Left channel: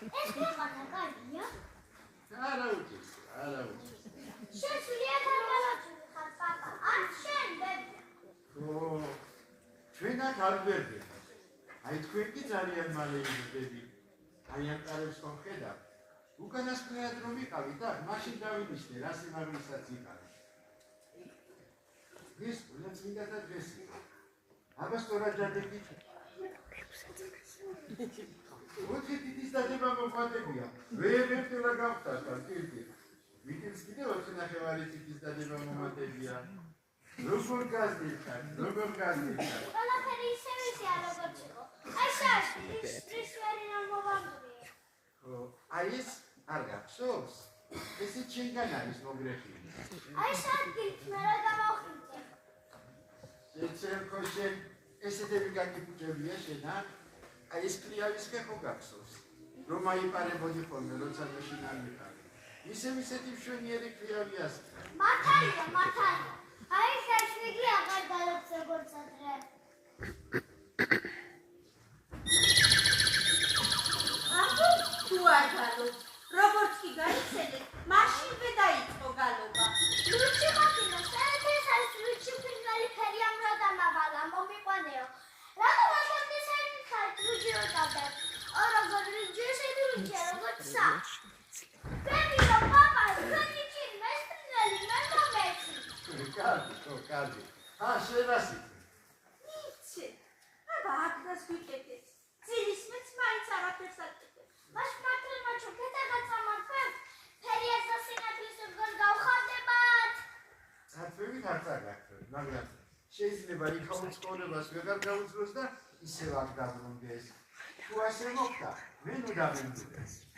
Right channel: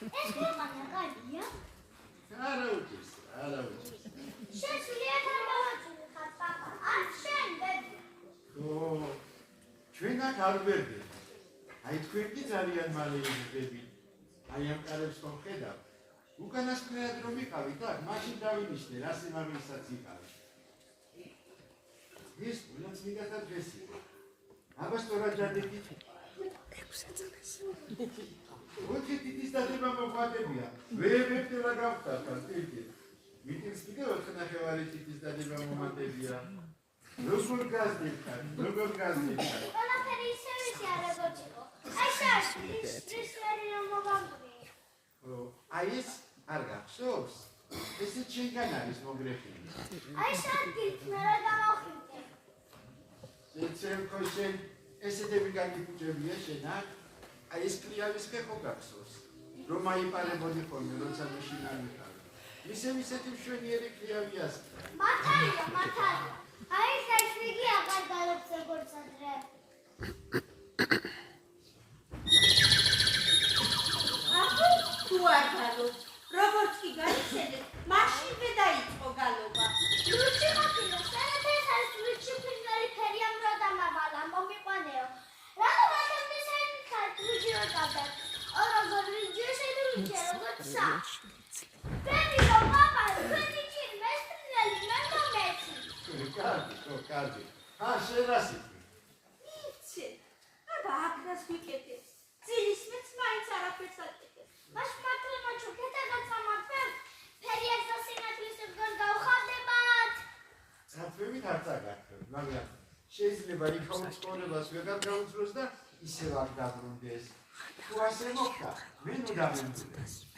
ეს ქვეყანა კარგია? არა უჭირს. შეგვიძლია გამოვაწყოთ პაპა, ან შენ ბებია. ხო, ჩვენ აქ არ ვერდებით. აი თქვენ კი ძალიან მალე იზრდებით. აი ამ კარებს ხომ ხედავთ? უკანასკნელად რომ ვიყავით აქ, მაშინ დავინიშნე, რა სიმაღლესაც იყავით. ეს ყველა წმინდათა დღეს იყო. აბა სწორად დადებით. 6 წელს. ოთხი თითის დადება მოხდებია. ვერაფერა გავხსნა თითი. მიტინს კიდე 4 ნახევარი თითის დადება მომატებია. როგორ გაზდიხარ? ყველაფერი ისევე ისეა როგორც იყო. აი ეს ვერი რომ მოვაგდრიე. ხო, აი ეს არ გახსოვს? ესე ჩვენგან არის მოგრეხილი. აი ეს ადგილით მე რა გამოვხილდე. შეცემ ხო შენ ესეთები გაგიფუჭებია შენ აქ? აი ეს კლიავის ხე ხო გახსოვს? რომ აიპარებოდი ხოლმე, როცა მეშინ არ მიყავი. ისეთი მშვენიერი კლიავიას. მართალია. აი ეს ვიგი აღარ გალობს როგორც ადრე. ახლა თუ არ გალობს, როგორც კი გაიცედეთ, მაშინვე დაიწყო გალობა. ლუჩი მოკინო, ეს არის ლუჩი ფინალი ფერი ამ რა დამავალა, მომიყვანეო. რა გასცენ ხარ ლუჩი როდავდა. ოროგორ ვიჯეშები ლუჩი როგორც სა. ბები რომ პაპა, ჩვენი ჩინ მესტრინელი მენდომეცი. კარგი. შენ რას იტყვი? იცი. აბა აქაც ვიკეთე. ძილის მეც მაინც არაფერს აკეთებ. მას მართლმაჩო ქეთაგაც ამარფერ. ფერიას და სინათლის ზღს გავხარდებათ. საფრთხებით არ წაგახსოვთ, მაგრამ შეიძლება იქაუნ ცხოვრებას ვეღარ გაუძლოს და ისევ აქ დაბრუნდეს. თუ ასე მოხდა, მე ნუ დავემძულე.